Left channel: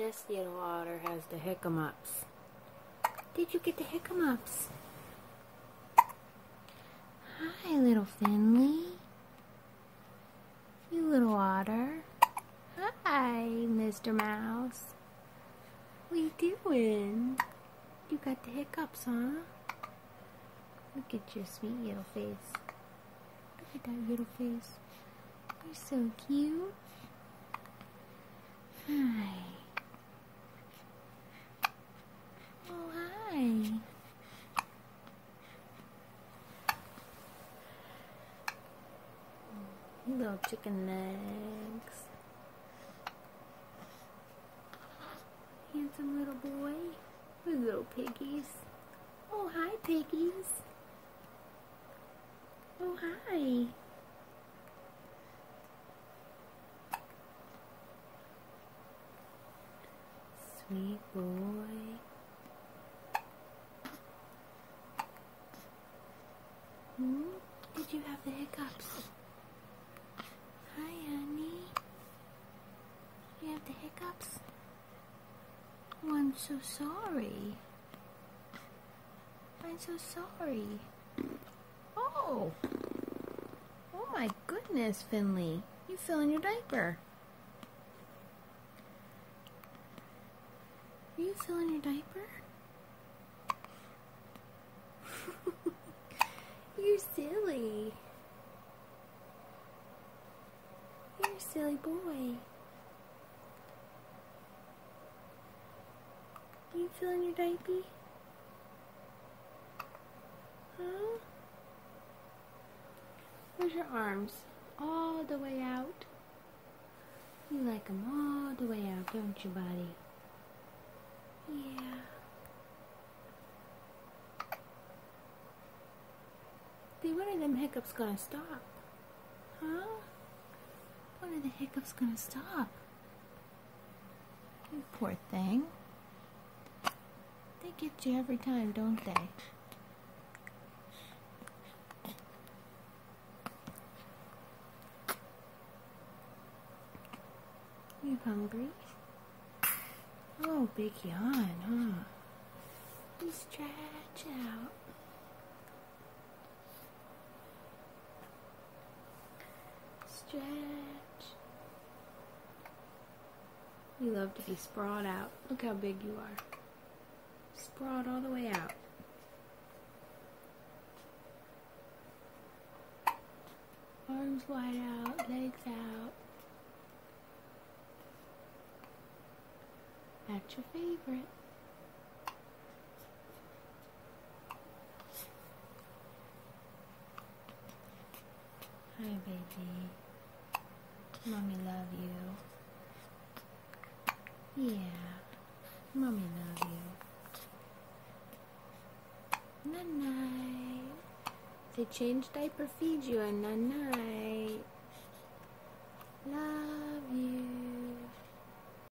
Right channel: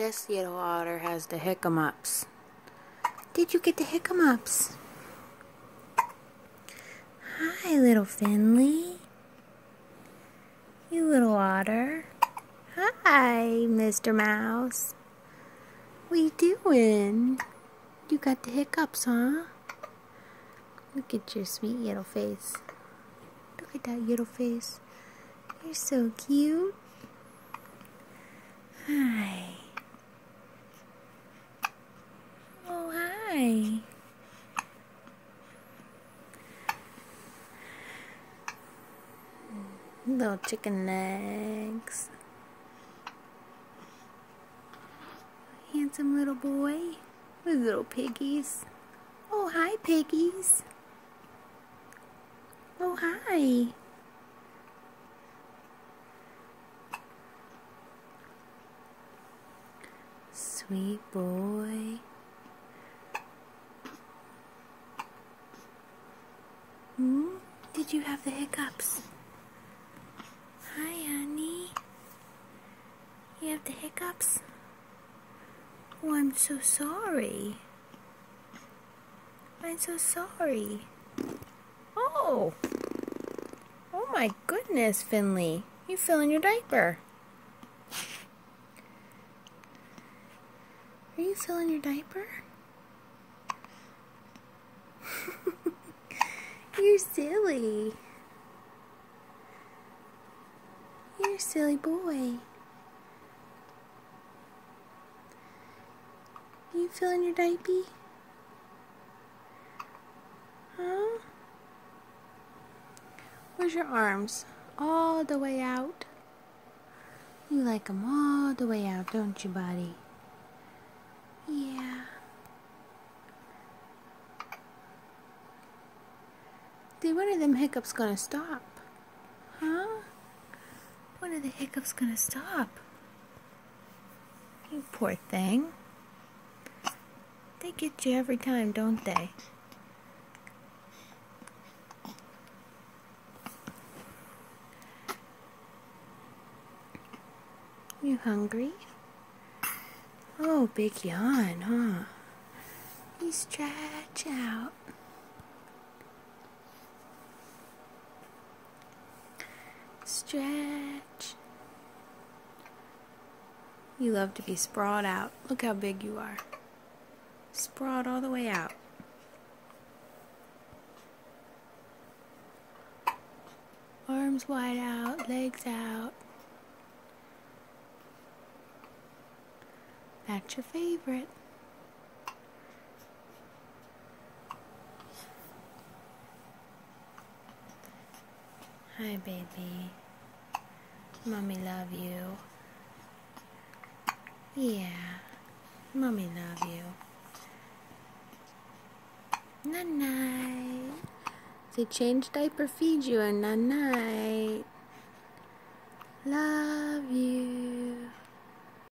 This little otter has the hiccups. Did you get the hiccups? Hi, little Finley. You little otter. Hi, Mr. Mouse. What you doing? You got the hiccups, huh? Look at your sweet little face. Look at that little face. You're so cute. Hi. Oh, hi. Little chicken legs. Handsome little boy with little piggies. Oh, hi, piggies. Oh, hi. Sweet boy. Did you have the hiccups? Hi, honey. You have the hiccups? Oh, I'm so sorry. I'm so sorry. Oh! Oh my goodness, Finley. You filling your diaper. Are you filling your diaper? You're silly. You're a silly boy. You filling your diaper? Huh? Where's your arms? All the way out. You like them all the way out, don't you, buddy? Yeah. See, when are them hiccups gonna stop? Huh? When are the hiccups gonna stop? You poor thing. They get you every time, don't they? You hungry? Oh, big yawn, huh? You stretch out. Stretch. You love to be sprawled out. Look how big you are. Sprawled all the way out. Arms wide out, legs out. That's your favorite. Hi, baby. Mommy love you. Yeah. Mommy love you. Night-night. They change diaper, feed you, and night-night. Love you.